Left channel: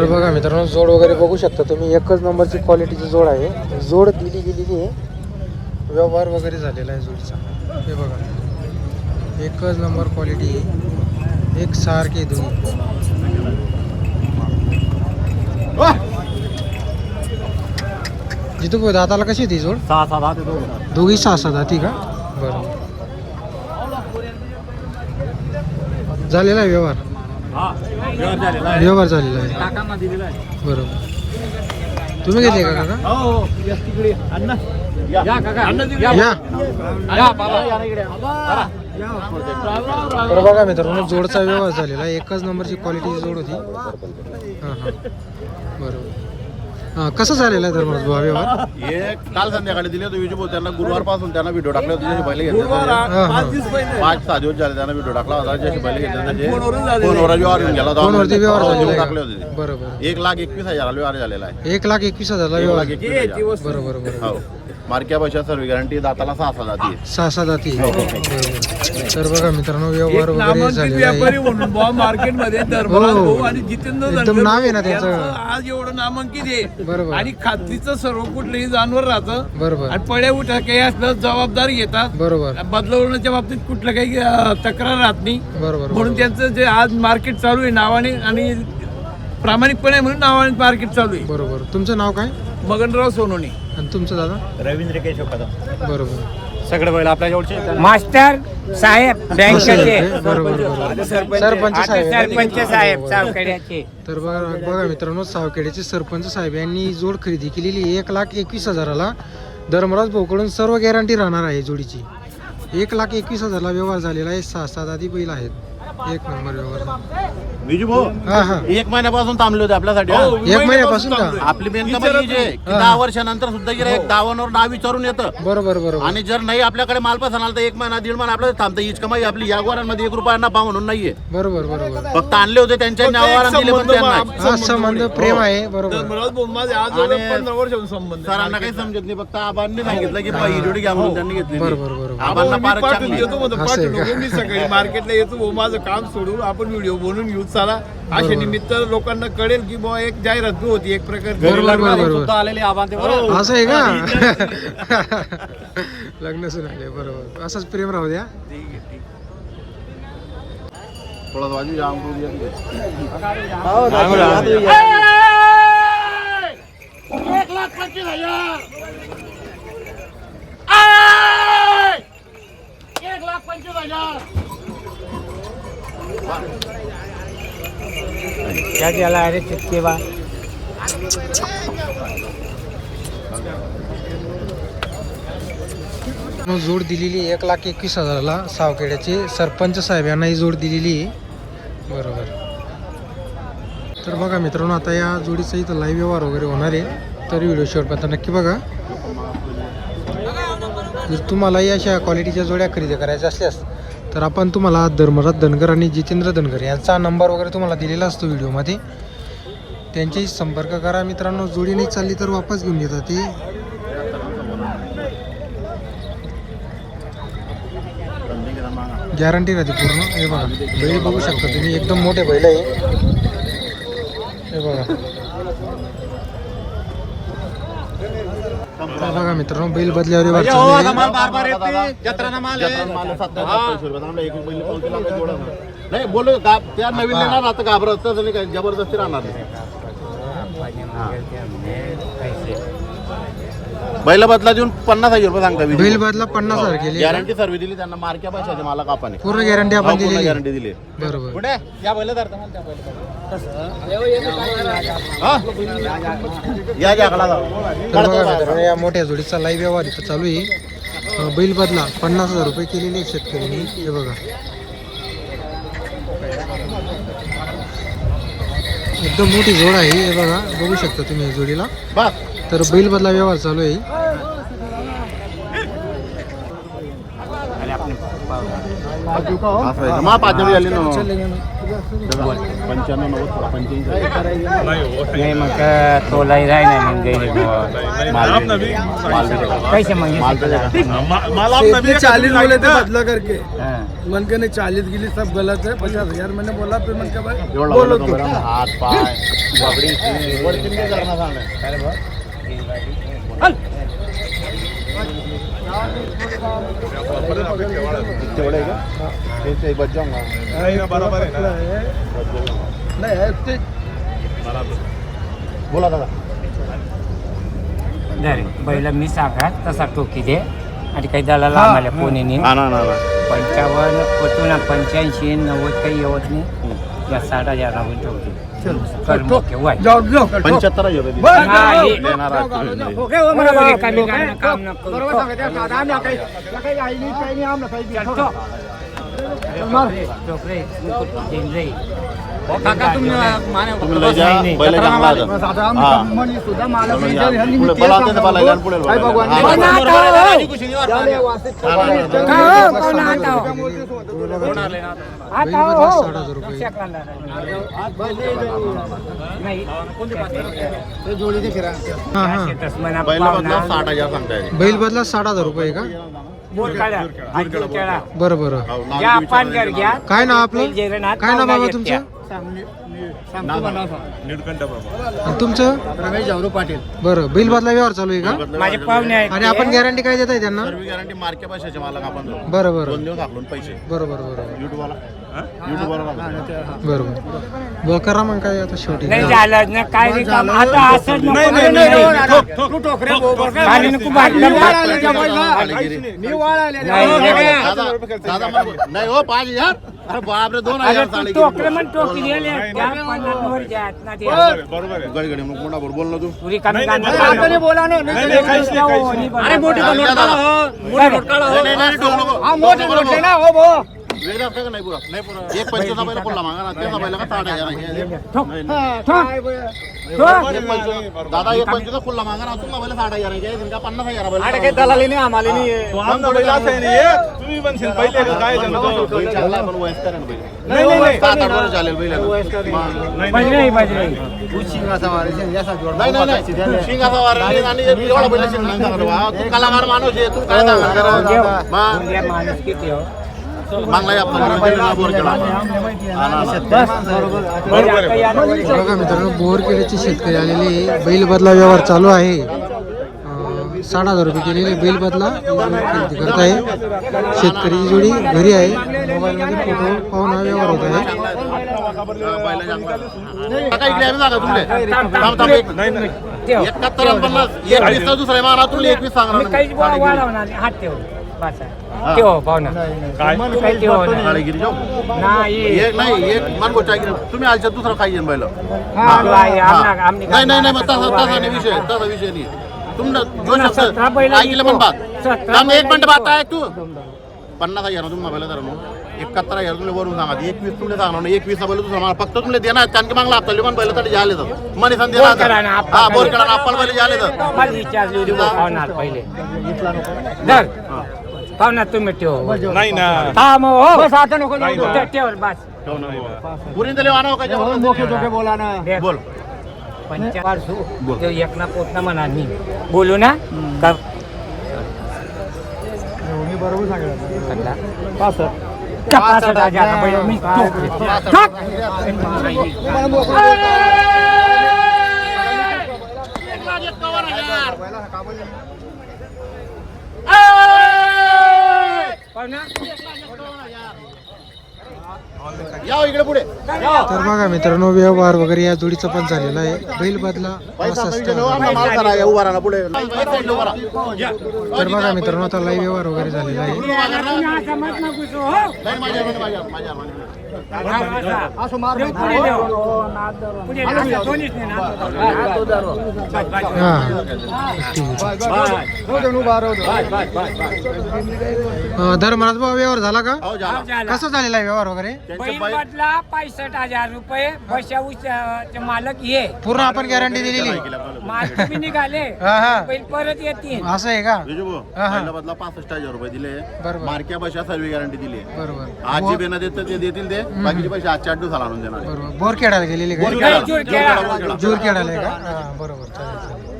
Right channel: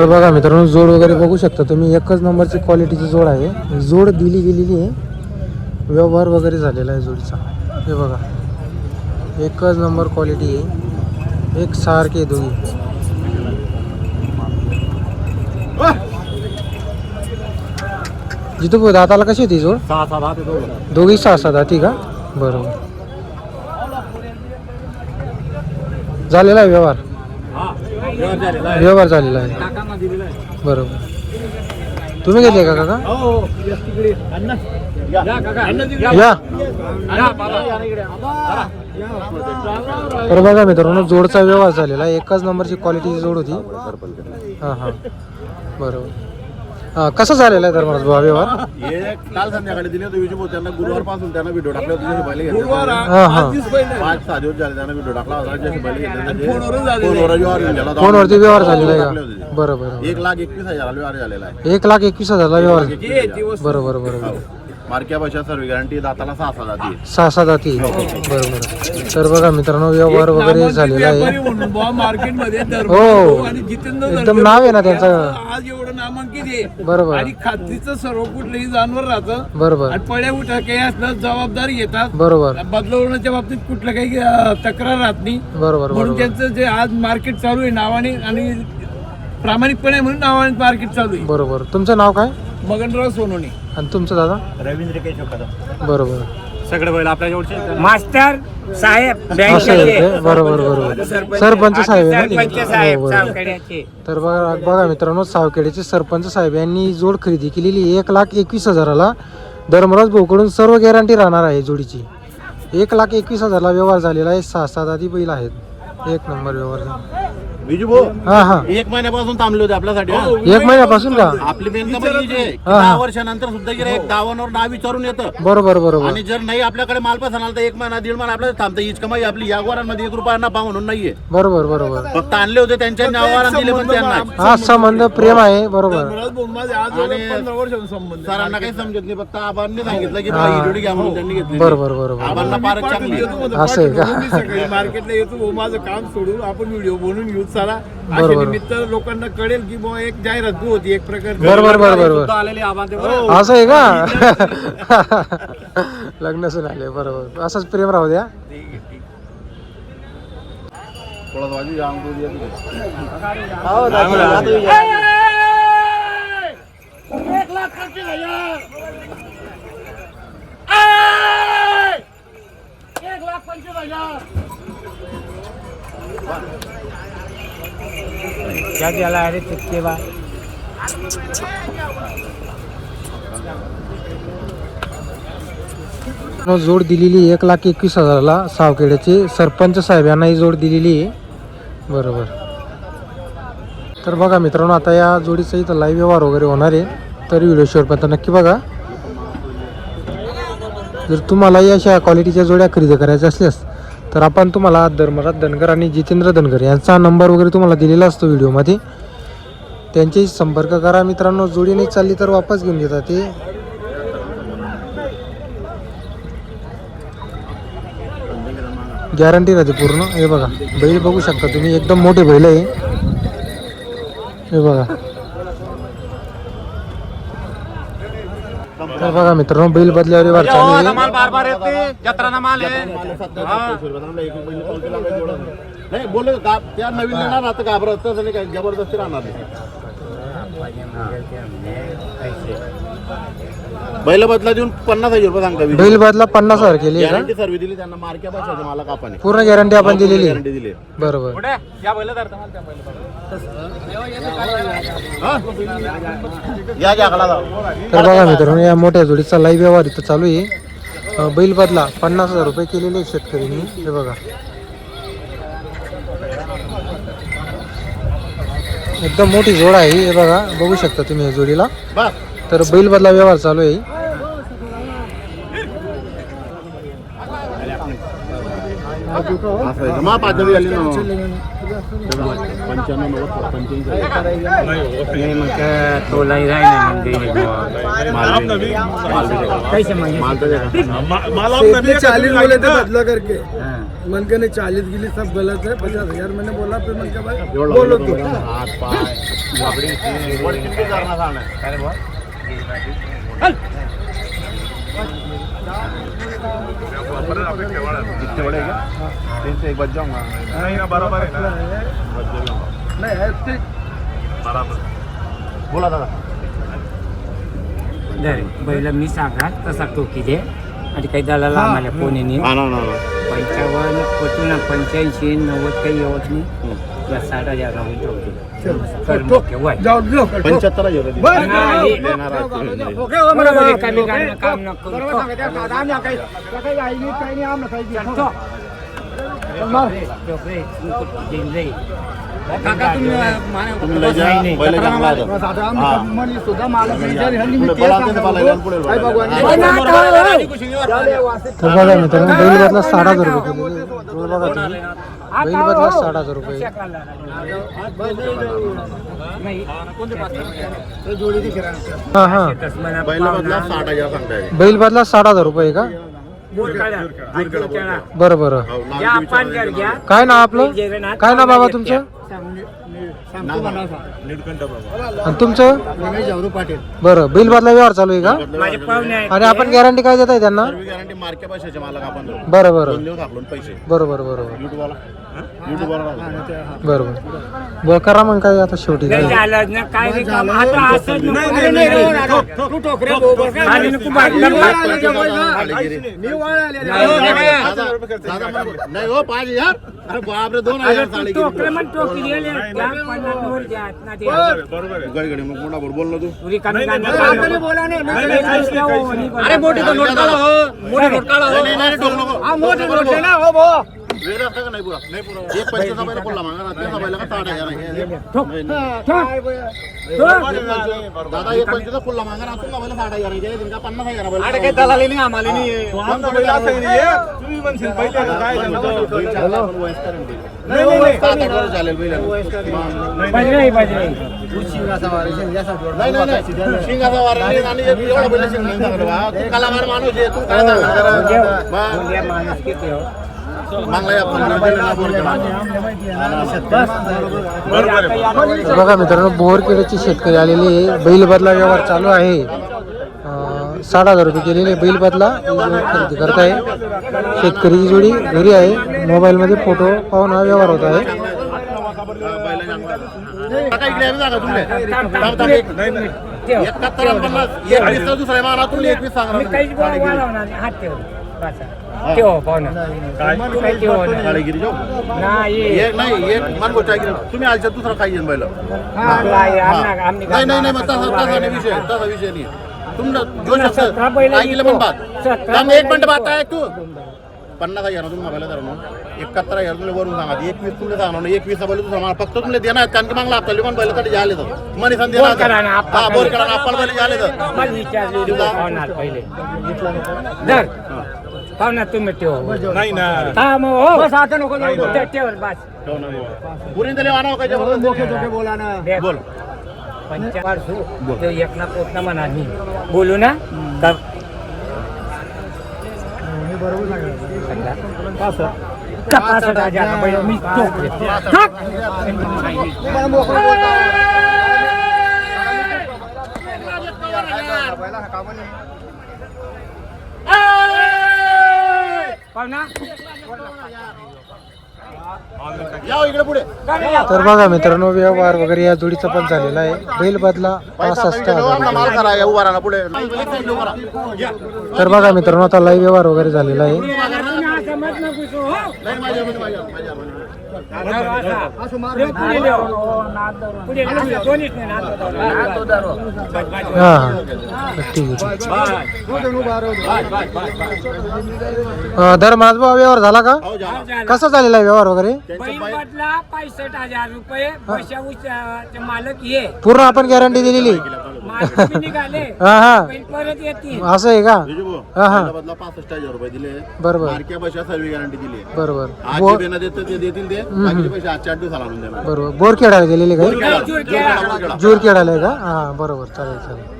तर बघा मित्रांनो, जोड वगैरे बघू शकता तुम्ही, एकच नंबरची क्वालिटीची जोड आहे. जोड दिली गेलेली आहे, व्यवहार वगैरे झालेला आहे जोडीचा. हे बघा, एकच नंबर क्वालिटी आहे, एक सारखे दोन्ही. जितू दाताला कशी होती जोड? 6-7 दाते दोघी 6-7 दाती का? बरोबर. झालेला आहे व्यवहार? व्यवहार झालेला आहे, बरोबर. तुम्ही घेतले का काका? या बघा मित्रांनो, जोडचा व्यवहार झालेला आहे, एकच नंबरची क्वालिटीची जोड होती. हां हां, बरोबर. कसं झालेला आहे तर मला व्यवहार? हे काल संध्याकाळी दिले होते विजू भाऊ त्यांना. गुरुवार पासून त्यांना व्हिडिओ टाकले होते, जसे पहिले घेतले. हां हां, 5-6 दिवस झाले त्यांना व्हिडिओ टाकला होता, जसे पहिले घेतले त्याचे फोनवर व्यवहार घेऊन गेला. फोनवरती व्यवहार झालेला आहे, बरोबर. 1,21,000 व्यवहार झालेला आहे. 1,21,000 व्यवहार, 1,21,000. बरोबर बरोबर. मार्क्या भाषा सर्व गॅरंटी, दाताला 6 दाती. 6 दाती, बरोबर. तर बघा मित्रांनो, व्यवहार वगैरे झालेला आहे मार्केटमध्ये. हो, आणि जितेंद्र एकदम नाव आहे ना त्यांचं, आज एवढं नामांकित आहे. बरोबर. आणि खात्रीचं सर्व कुठलंही जानवर राहतं, बरोबर आणि पड्या उठा काही असलं जबाबदारी घेतात, बरोबर बदलवण्याच्या बाबतीत कुठलं काही तक्रार राहत नाही. बरोबर म्हणून त्यांचं जे आज मार्केट चालू आहे नावाने, आणि प्रामाणिकपणे म्हणून नावाने मार्केट चालू आहे. बरोबर. तुमचं नाव काय? मगनराव सोनोने. आणि तुमचं दादा? रवींद्र केशव कदम. बरोबर. सगळे बैल आपल्या जवळचे. मास्टर साहेब असं आहे ते, बरोबर बरोबर. सरपंच साहेब आहे ना? सरपंच साहेब बरोबर. सावखेड्याचे. तर बघा बघा मित्रांनो, सावखेड्याचे सरपंच साहेब यांनी जोड खरेदी केलेली 1,21,000ला. धर्मराज भाऊकडून सर्व गॅरंटी राहणार आहे जोडीची. 1,21,000ला व्यवहार झालेला आहे. 6 दाती बैल आहेत, एक नंबर व्यवहार झाला. विजू भाऊ हा हा, 1 महिन्यापासून थांबले होते आपल्यासाठी. 1 महिन्यापासून का? आपली बेनका म्हणजे जे हा. 10 वर्षानंतर सुद्धा गिऱ्हाईक 52 वर नाव विचारून येतं. बरोबर बरोबर. आणि जर नाही आपल्याकडे माल पसंत आला तर 1 महिना 1.5 महिना आपल्याला थांबतं. हीच कमाई आपली या गोरांमध्ये 1 रुपया नफा म्हणून नाहीये. बरोबर बरोबर. फक्त आणले होते त्यांच्या नावावर दिले पण त्यांना. हा संबंध प्रेम आहे, बरोबर. आणि 15 वर्षांपासून संबंध. सरांना काही समजत नाही, फक्त आबांनी सांगितलं की ही जोडी घ्या म्हणून त्यांनी घेतली. बरोबर बरोबर. आबांना फारच चांगली. असं आहे का? मी सकाळी मार्केटला येतो भाऊ, माझं काम सोडून आपण व्हिडिओ बनवून घेऊ चला. अशा निमित्त लोकांना कळेल की बुवा एक जाहिरात बी होती एक प्रकारची. बरोबर बरोबर बरोबर. आलेले आबा ते असं आहे का? लग्न सुन आले, बरोबर. असंच प्रेम राहू द्या. थोडा बाजू जाम करू दिया तिथे. 1,25,000. क्या झाला अरे चित्ते बा. जोड दिलेली 1,21,000ला सावखेड्याचे सरपंच साहेब यांना ही जोड दिलेली आहे, बरोबर. तर बघा मित्रांनो, आता या जोडीचा इथं लाईव्ह व्यवहार वगैरे होणार आहे, तर व्हिडिओ शेवटपर्यंत नक्की बघा. जर तुम्हालाही अशा क्वालिटीच्या जोड्या खरेदी करायच्या असल्यास तर आपण तुम्हाला धर्मराज धनगर आणि जितेंद्र धनगर यांचा नंबर वगैरे तुम्हाला दिलेला असतो व्हिडिओमध्ये, त्यांच्याशी संपर्क करा मित्रांनो. जोडी नाही चालली तर वापस घेऊन येतात ते. गॅरंटी राहते पूर्ण. हे बघा, बैल बघू शकता तुम्ही, एकदम मोठे बैल आहे. हे बघा. तर बघा मित्रांनो, बैल बदल्यावर व्यवहार चालू आहे. नाही बोलू त्या नवीन येणार आता घाबरत तसं काही जबरदस्ती राहणार नाही. बैल बदला देऊन 50,000 रुपये सांगता. बैल बदला 50,000 केली, गॅरंटी सर्व दिली त्यांना. मार्क्या पैशाचे मला कापाने पूर्ण गॅरंटी आपण दिलेली, गॅरंटी दिली. बरोबर. या घ्या आकडा तर बघा मित्रांनो, या मोठ्या जोडीचा लाईव्ह व्यवहार इथं चालू आहे. बैल बदला 50,000 रुपये केलेले शेतकऱ्यांनी. हे बघा, एकदम मोठी जोड आहे. हे बघा, बघू शकता तुम्ही या जोडीला. तर बैल बदला व्यवहार चालू आहे. मा 5 झाली ना. 95 90 थोडा 85 नाही मग तोलाही राहिला नाही कैसे म्हणजे माल तर देगा. इसने 40 बोले थे बदला करके हां. मन के ने 40 गिली सब गलत है 50,000 मैंने बोला फिर मन का भाई एवढा बोलो बोलतो तो बरं, हात पाय सगळी बोला दादा. धर बैल मी सांगा तसा टोकी दे आणि काही दलाला आम्हाला कोणी नाही ना ना ना 55 कुठून 85 90 काही येत नाही या 60,000 आपण ठेवतो कर मोके वाय जाओ लो 75 रुपये बस. नाही. देणार आहे. बरोबर आहे, कमी करणं काम नको बरोबर सांगते दादा आम्ही काही काही आई काही नाही आम्हाला काही चलतो. टोकरे मुकुट देईन रे. तुम्ही लय जा, नाही, नाही. बैल चांगला आहे. दादा हा. आम्ही मनी सुद्धा मला पुढे विचार ह्यांनी मी पुढे ते बलाते सांगा बलायला आणि पुढे आई भगवान हा. बैल बदला 60,000 रुपये जोड बघा तुम्ही. बैल बदला 60,000 रुपये. नाही ते जोडी दे फिरा हा हा बैल बदला 60,000 सांगताय. बैल बदला 60,000 रुपये का? बरं बरं. हो, नाव या बी पान विचारलं. कर घ्या काय नाव आपलं? काय नाव बाबा तुमचं? नाव सांगा. आणि तुमचं? रमेश जावरू पाटील बरं. बैल बदला व्यवहार चालू आहे का? माझे पाहुणे आहेत आणि आपण गॅरंटी काय देत आहे त्यांना? सर्व गॅरंटी मार्के पैशाचे मालक आपण देऊ. बरं बरं 2 दिवस आखलून पैसे बरोबर बरोबर युट्यूबवाला युट्यूबवाला बरोबर. बरं करा मग काय आता शेवटी नाही काय. झालं ना काय बी काम आता असंच नको. तू टोकरे बोबर आणि नको भांडलं. मी वाळाले दादा नाही हो 5,000. अरे बापरे 2,000 साडे टोकरे मग टोकी दिले त्या 50 वर द्या ना ते गडी मग मोठा बोल ना तू. पुरी कमी काढणार. बोला ना अरे मोठी मोठी नोट काढा, नाही नाही ठोक नको. हा मोठे मोठे ना हो भो वेगळं असतं का नाही पुरा? नाही पुरा. एक पैशाचा बैल कोल्हा मागा ना त्याचा बैल का 60,000 आहे. ठोक. नाही, नाही. ठोक. एक पंचवीस- दादा एक 25 खुल्ला मागा ना तुम्ही बैल 60,000 आहे. का 50,000 बैल आम्हाला नाही बैल चांगला आहे, पण वयस्कर आहे ना बैल. 7-8 वर्ष झालेलं बैल आहे ना. बजरंगी बजरंगी. नाही नाही नाही शिंगाचा वार नाही आणि एवढा बैल शिंग नाही सांगत बा. तू कलाकार माणूस आहे तू काय सांगणार देव. मग उद्या माणूस किती हो? मागला या आपण दिलेला बोर केला. हा ना, ना. बघा मित्रांनो बोरखेड्याचे शेतकरी आलेले आहे. बैल बदला व्यवहार चालू आहे. 60,000 रुपये केलेले बैल बदला खरेदी करताय. शेतकरी जोडी घरी आहे. मोबाईलमध्ये फोटो पाहून हा व्यवहार होत आहे. बैल चांगला आहे. काका इकडे आहे ना जागा तुमले. थांब थांब एक. ठेव. 71 50 21 तर दुसऱ्या माना तुला 21 मी सांगणार काहीच वाढवणार नाही. हात ठेव. बस. ठेव पाहुणा. काही ठेव नाही. काळीगिरी जाऊ नाही. एक नाही एक मान गोचागिरी तुम्ही आलच्या दुसरा काही येईन बैल तू आहे, आमने नाही नाही नाही मग तसा नाही विषय तसा विषय नाही तुमनं जो पुन्हा 17 बैल ऐकलं पण बात 17 थांब, एक मिनिट बैल बात आहे तू 50,000 तुम्ही मोबाईल धरा 71,000 तुला वरून सांगा 21 तुला सांगणार 21 बैल तुझा मला फक्त तुला देणार आहेत कारण की मागला आपल्याला पण बैल तरी झाले तर मनी संधी बोर करा ना, आप्पा हा बोर करा. करा आपण बैल झाले तर मला विचारली होती पाहुणार पहिले. धर. पाहुणा तुम्ही ठेव. नाही ना हा मग हो. ठेव बस. पुरी दिले वाना काय मोठे बोला ना देख. बोल 55 ते एकना पोटना म्हणा मी बोलू ना तर मी बरोबर सांगितलं का सर 65,000 बैल मी ठोकले. ठोक. पाहुणा. या इकडे पुढे तर बघा मित्रांनो व्यवहार वगैरे या जोडीचा पण झालेला आहे. बैल बदला 65,000. माल करा या उभा राहा पुढे तर बघा मित्रांनो आता लाईव्ह व्यवहार वगैरे झालेला आहे. तुम्ही असं मत नको करू, हो. असं मार पुढे देऊ. पुढे असं दोन्हीच नाही, नातो धरू. हा ठीक आहे. धर्माज भाऊ व्यवहार झाला का? हो झाला कसा झालेला आहे व्यवहार वगैरे? बैल बदला 65,000 रुपये. पैशा मालक ये पूर्ण आपण गॅरंटी दिलेली. मार्केट निघाले हा हा बैल परत येतील. असं आहे का? विजू भाऊ, हा, हा. पहिल्या बदला 65,000 रुपये दिले. बरोबर मार्क्या पैशा सर्व गॅरंटी दिली. बरोबर आज जे बेना देतं ते देतील ते, बाकीचे पैसे आजच्या 8 दिवसाला आणून देणार. बरोबर बोरखेडाला गेलेले का? बोरखेडाला. जोरखेडा. बोरखेडा. जोरखेडाला आहे का? हा बरोबर चालेल चालेल.